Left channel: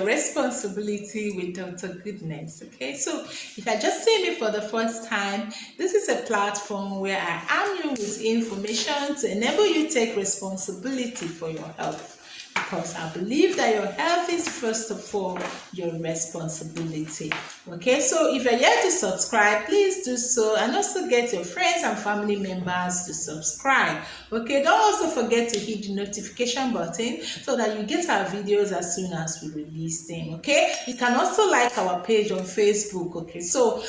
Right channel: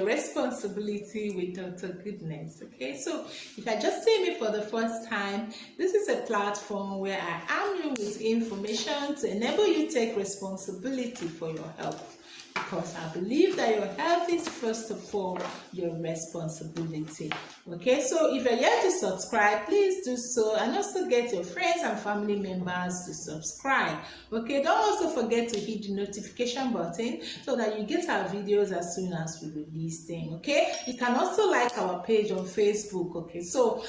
your responsibility with Dr. Goodness. Okay, so if I just see me for the first time, this is a platform where I arm you with information to enable you to take responsibility for your health. Because I believe that your health is first of all your responsibility. Okay, so if you're yet to subscribe, please do so, and also get your friends and family members to subscribe. Okay, don't also forget to hit the notification button so that you get our videos as soon as we release them. Okay, you can also like our page on Facebook. Okay, so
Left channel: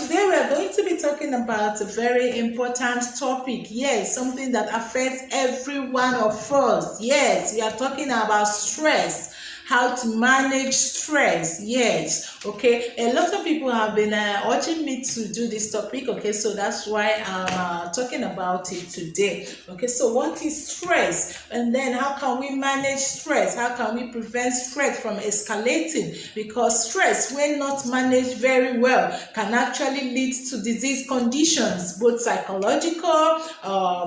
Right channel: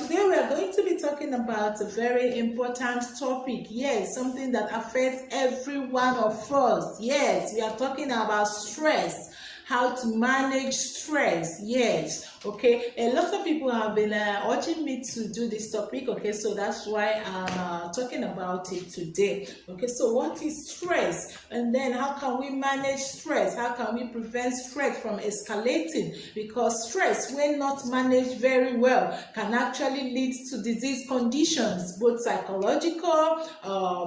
today we are going to be talking about a very important topic. Yes, something that affects every one of us. Yes, we are talking about stress, how to manage stress. Yes, okay, a lot of people have been urging me to do this topic. Okay, so that's why I'm talking about it today. Okay, so what is stress, and then how can we manage stress? How can we prevent stress from escalating? Because stress, when not managed very well, can actually lead to disease conditions, both psychological,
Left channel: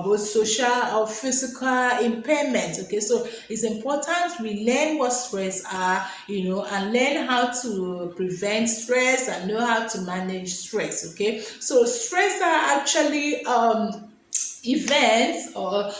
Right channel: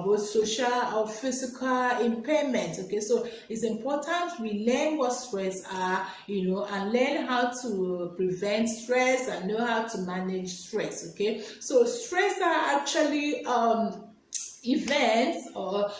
both social or physical impairment. Okay, so it's important we learn what stress are, and learn how to prevent stress and know how to manage stress. Okay, so stress are actually events or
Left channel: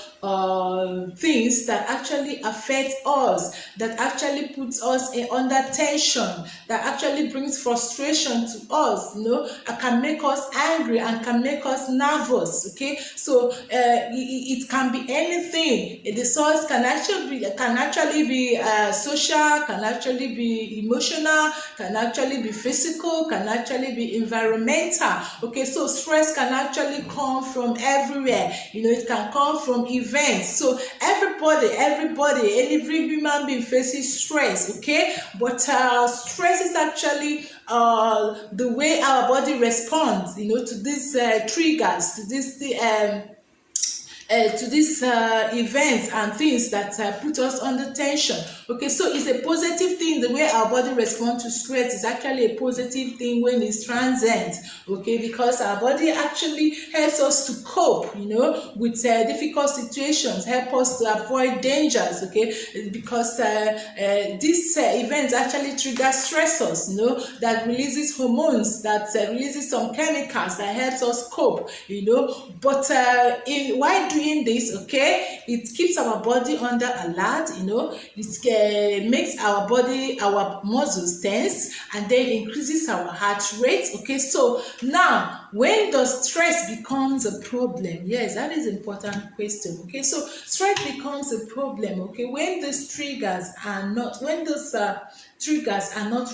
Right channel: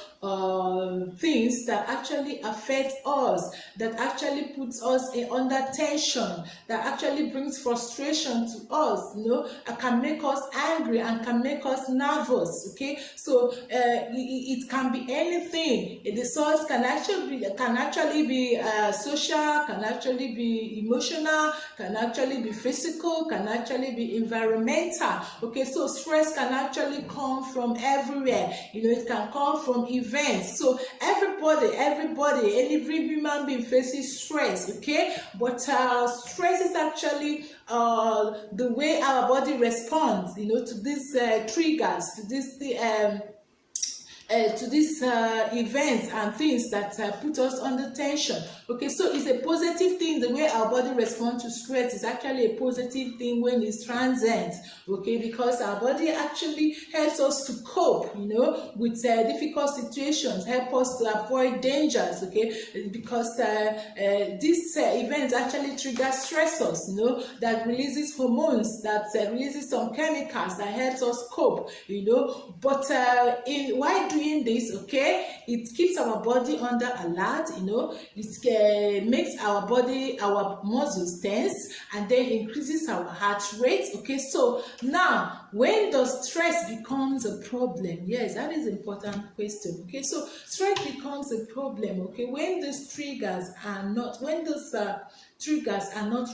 things that actually affect us, that actually puts us under tension, that actually brings frustration to us, and can make us angry and can make us nervous. Okay, so it can be anything. The source can actually be social, can actually be emotional, can actually be physical, can actually be environmental. Okay, so stress can actually come from everywhere. It can come from events. So every human being faces stress. Okay, but stress is actually the way our body responds, to these triggers, to these events and things that put us under tension. Okay, so it's a positive thing. The way our body responds to stress is actually a positive thing when it's transient. Okay, because our body actually helps us to cope, with difficult situations, help us to avoid dangers. Okay, because these events actually trigger stressors, that releases hormones, that releases some chemicals that helps us cope. But while doing this, okay, it keeps our body under alert. It makes our muscles tense, and then increases our heart rate. Okay, so now when does stress becomes a problem? Yes, that is an important question. Okay, so stress becomes a problem, okay, when those triggers are not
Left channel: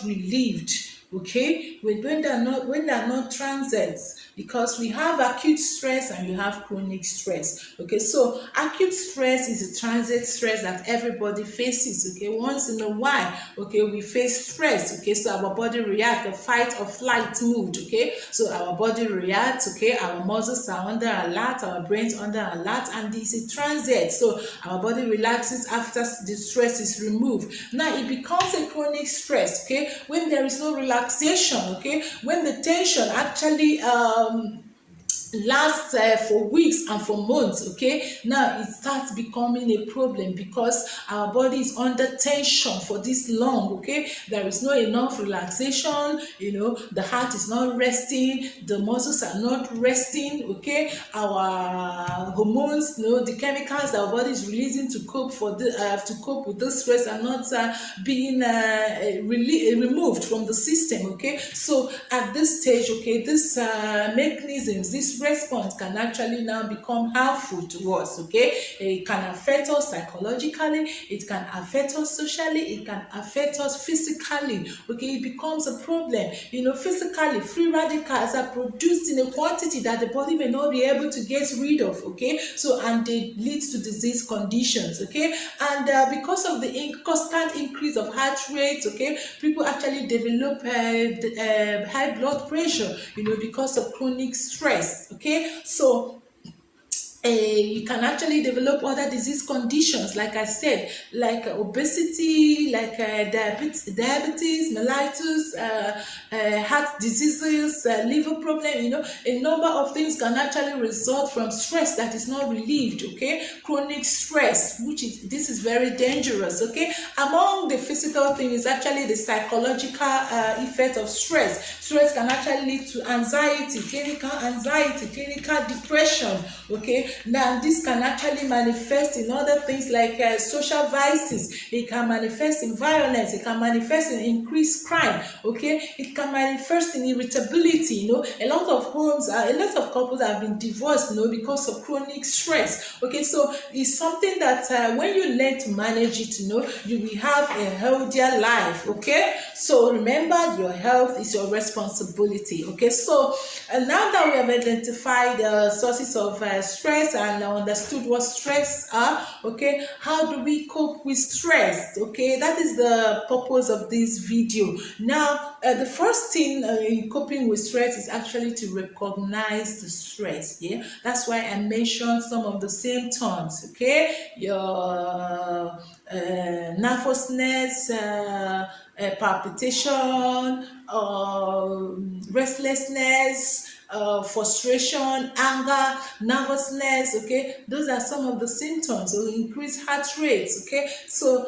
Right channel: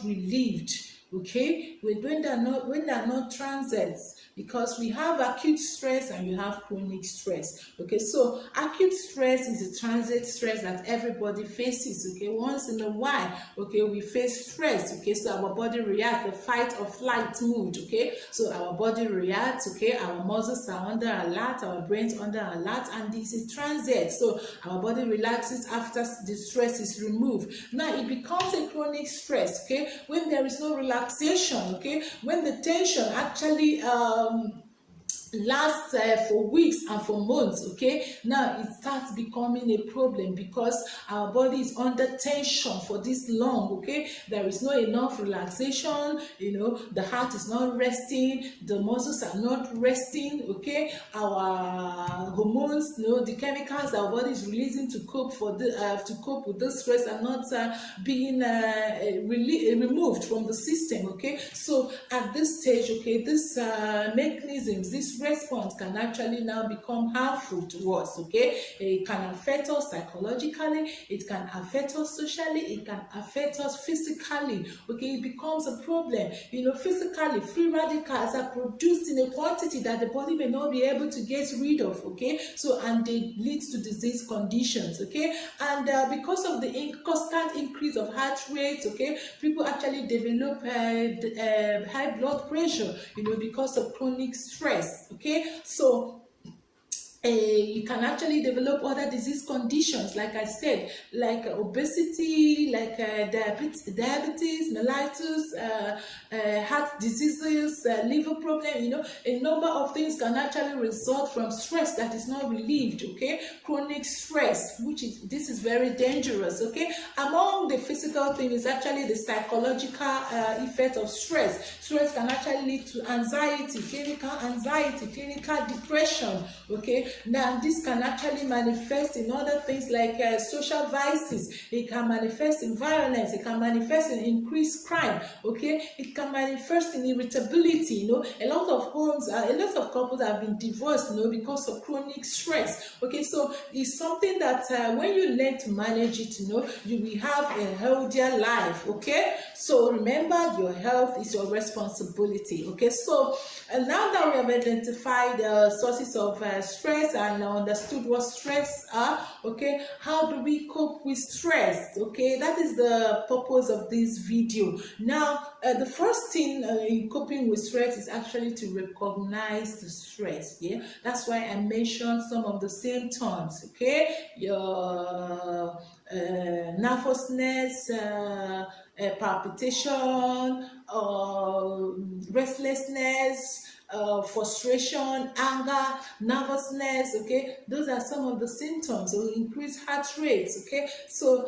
relieved. Okay, when they are not transient, because we have acute stress and you have chronic stress. Okay, so acute stress is a transient stress that everybody faces. Okay, once in a while, okay, we face stress. Okay, so our body reacts, the fight or flight mood. Okay, so our body reacts. Okay, our muscles are under alert, our brains under alert, and this is transient. So our body relaxes after the stress is removed. Now it becomes a chronic stress. Okay, when there is no relaxation. Okay, when the tension actually lasts for weeks and for months. Okay, now it starts becoming a problem because our body is under tension for this long. Okay, there is not enough relaxation. The heart is not resting, the muscles are not resting. Okay, our hormones, the chemicals our body is releasing to cope with this stress are not being removed from the system. Okay, so at this stage, okay, this mechanisms, this response can actually now become harmful to us. Okay, it can affect us psychologically, it can affect us socially, it can affect us physically. Okay, it becomes a problem. Physically, free radicals are produced in a quantity that the body may not be able to get rid of. Okay, so and they lead to disease conditions. Okay, and because of the constant increase of heart rate, okay, people actually develop high blood pressure, because of chronic stress. Okay, so you can actually develop other disease conditions, like I said, like obesity, like diabetes, mellitus, heart diseases, liver problem. A number of things can actually result from stress that is not relieved. Okay, chronic stress, this is very dangerous. Okay, among the physical things is actually the psychological effect of stress. Stress can actually lead to anxiety, clinical depression. Okay, now this can actually manifest in other things like social vices. It can manifest in violence. It can manifest in increased crime. Okay, it can manifest in irritability. A lot of couples have been divorced, because of chronic stress. Okay, so it's something that when you learn to manage it, you will have a healthier life. Okay, so remember, your health is your responsibility. Okay, so now that we have identified the sources of stress and understood what stress are, okay, how do we cope with stress? Okay, that is the purpose of this video. Now, the first thing in coping with stress is actually to recognize the stress. Yeah, that's why I mentioned some of the symptoms. Okay, your nervousness, palpitation, restlessness, frustration, anger, nervousness. Okay, those are some of the symptoms. So increased heart rates. Okay, so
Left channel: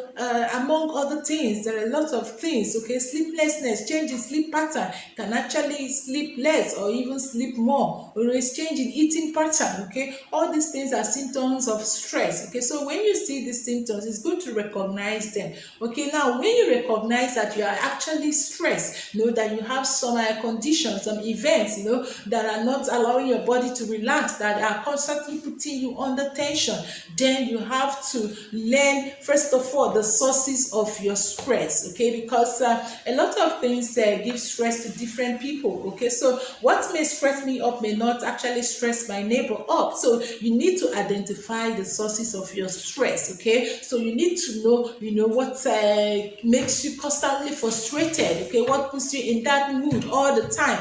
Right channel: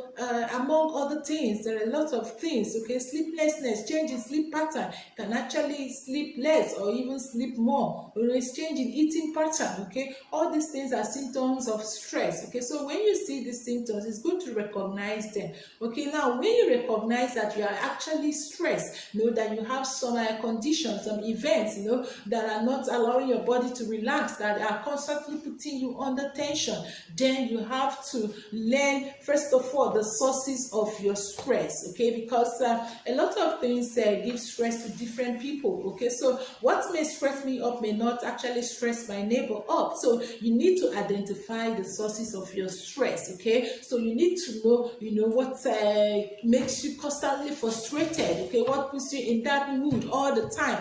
among other things, there are a lot of things. Okay, sleeplessness, change in sleep pattern, can actually sleep less or even sleep more. Always change in eating pattern. Okay, all these things are symptoms of stress. Okay, so when you see these symptoms, it's good to recognize them. Okay, now when you recognize that you are actually stressed, that you have some conditions, some events, that are not allowing your body to relax, that are constantly putting you under tension, then you have to learn, first of all, the sources of your stress. Okay, because a lot of things give stress to different people. Okay, so what may stress me up may not actually stress my neighbor up. So you need to identify the sources of your stress. Okay, so you need to know what makes you constantly frustrated. Okay, what puts you in that mood all the time,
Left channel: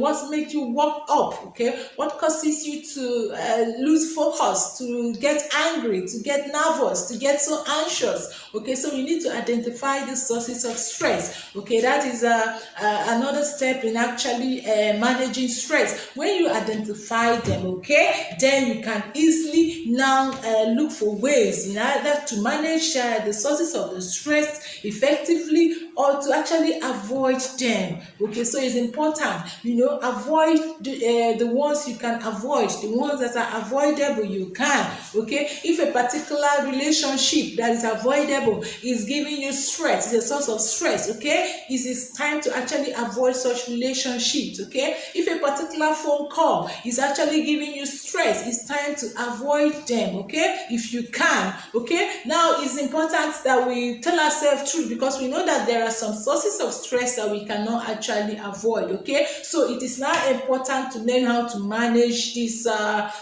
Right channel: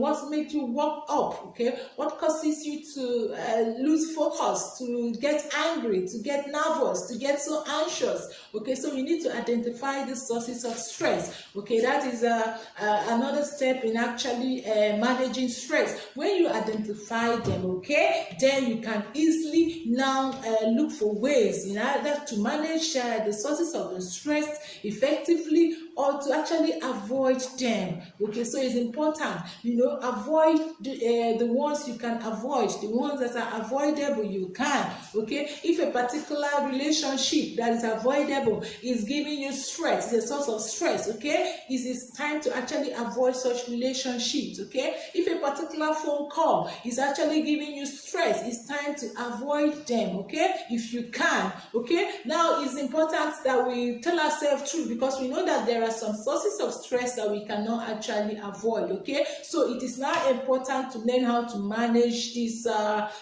what makes you walk up. Okay, what causes you to lose focus, to get angry, to get nervous, to get so anxious. Okay, so you need to identify the sources of stress. Okay, that is another step in actually managing stress. When you identify them, okay, then you can easily now look for ways in order to manage the sources of the stress effectively, or to actually avoid them. Okay, so it's important, avoid the ones you can avoid, the ones that are avoidable you can. Okay, if a particular relationship that is avoidable is giving you stress, it's a source of stress, okay, it is time to actually avoid such relationships. Okay, if a particular phone call is actually giving you stress, it's time to avoid them. Okay, if you can. Okay, now it's important that we tell ourselves truth, because we know that there are some sources of stress that we cannot actually avoid. Okay, so it is now important to learn how to manage these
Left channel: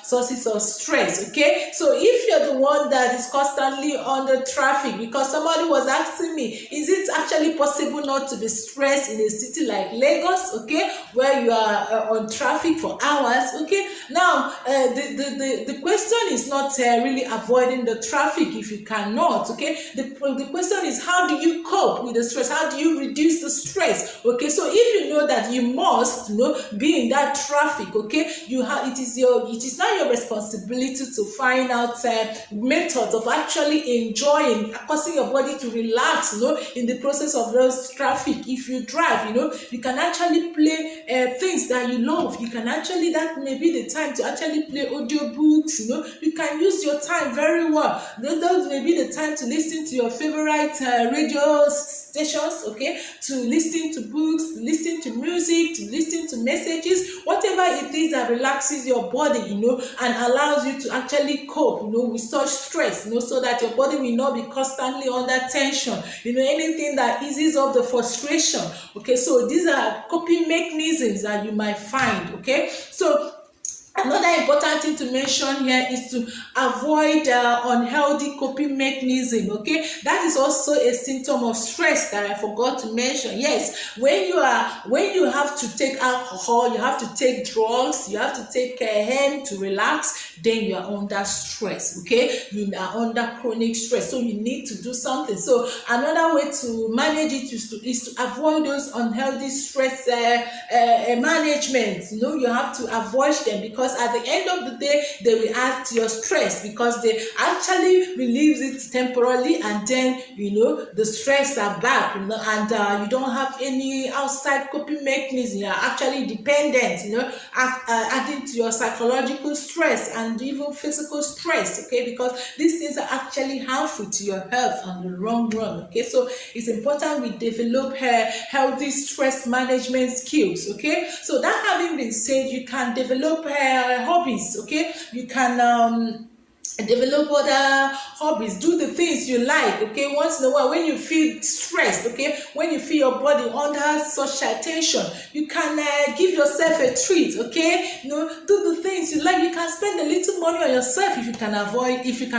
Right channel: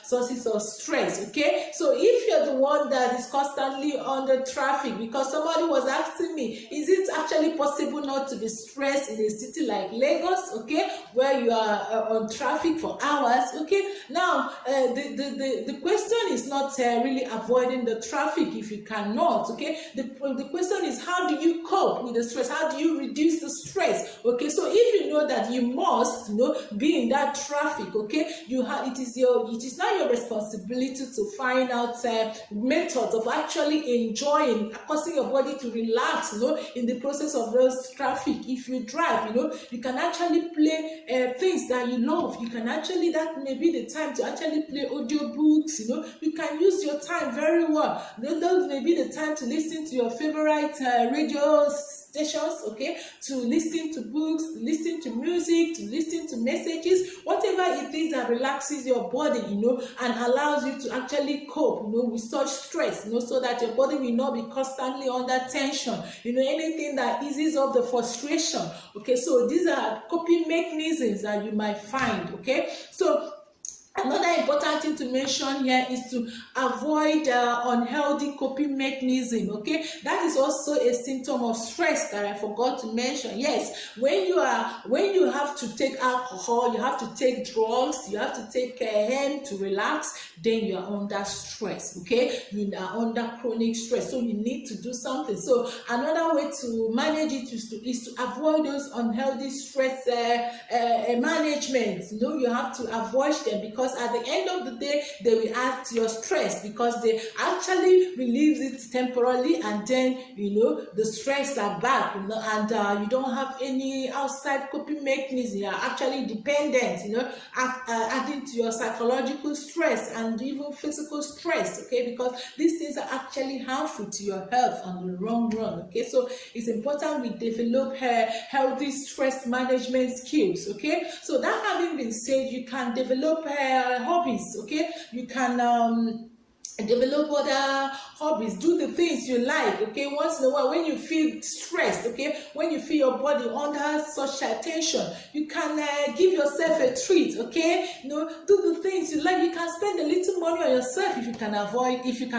sources of stress. Okay, so if you're the one that is constantly under traffic, because somebody was asking me, is it actually possible not to be stressed in a city like Lagos? Okay, where you are on traffic for hours? Okay, now the question is not really avoiding the traffic if you cannot. Okay, the question is, how do you cope with the stress? How do you reduce the stress? Okay, so if you know that you must be in that traffic, okay, it is now your responsibility to find out methods of actually enjoying, causing your body to relax, in the process of those traffic. If you drive, you can actually play things that you love. You can actually, that may be the time to actually play audiobooks. You can use your time very well. That may be the time to listen to your favorite radio stations, okay, to listen to books, to listen to music, to listen to messages, whatever it is that relaxes your body, and allows you to actually cope, with such stress, so that your body will not be constantly under tension, anything that eases up the frustration. Okay, so these are coping mechanisms that you might find. Okay, so Another important thing to mention here is to avoid unhealthy coping mechanism. Okay, that is also a symptom of stress that I forgot to mention. Yes, when you have to take alcohol, you have to take drugs, you have to take hand to relax, then you are under stress. Okay, you are under chronic stress, so you need to do something. So another way to manage it is to avoid those unhealthy stress management. You have to avoid them, because at the end of the day they will add to your stress, because they actually relieves it temporarily, and then the stress are back, and you don't have any outside coping mechanism. You are actually dependent, adding to your psychological stress and even physical stress. Okay, because these things are actually harmful to your health on the long run. Okay, so it's important we develop healthy stress management skills. Okay, so that having been said, you can develop hobbies. Okay, you can develop other hobbies, do the things you like. Okay, once in a while when you feel stressed, okay, when you feel your body under such tension, you can give yourself a treat. Okay, do the things you like. You can spend a little money on yourself if you can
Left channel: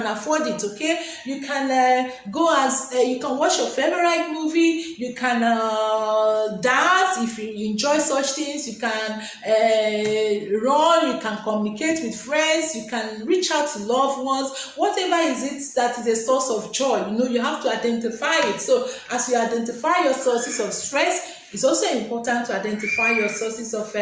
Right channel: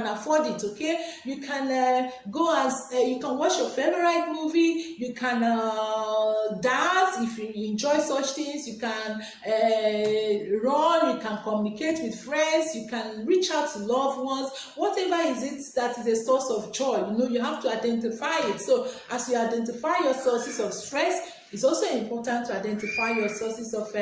afford it. Okay, you can go as you can watch your favorite movie, you can dance if you enjoy such things, you can run, you can communicate with friends, you can reach out to loved ones. Whatever is it that is a source of joy, you have to identify it. So as you identify your sources of stress, it's also important to identify your sources of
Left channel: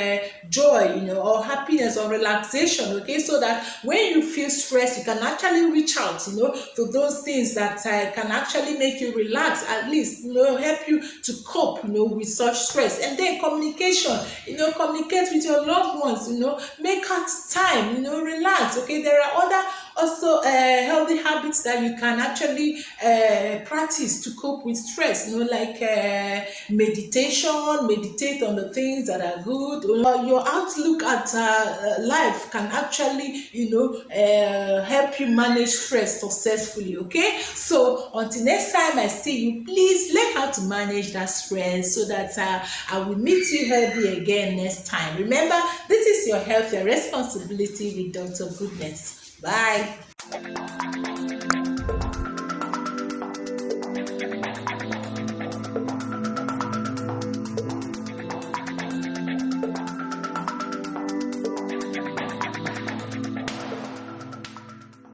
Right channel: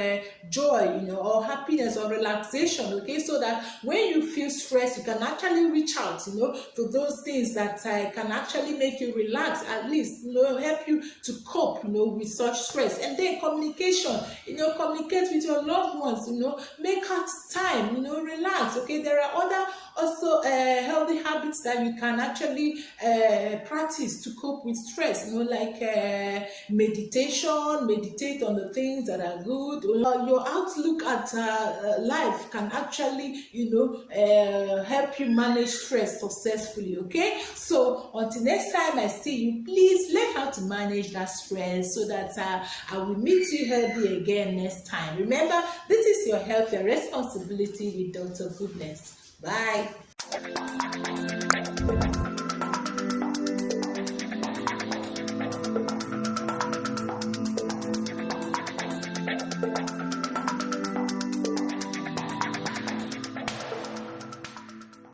joy, or happiness or relaxation. Okay, so that when you feel stressed, you can actually reach out, to those things that can actually make you relax, at least, help you to cope, with such stress. And then communication, communicate with your loved ones, make out time, relax. Okay, there are other also healthy habits that you can actually practice to cope with stress, like meditate on the things that are good. Your outlook at life can actually help you manage stress successfully. Okay, so until next time I see you, please learn how to manage that stress, so that I will meet you healthy again next time. Remember, this is your health, your responsibility with Dr. Goodness. Bye.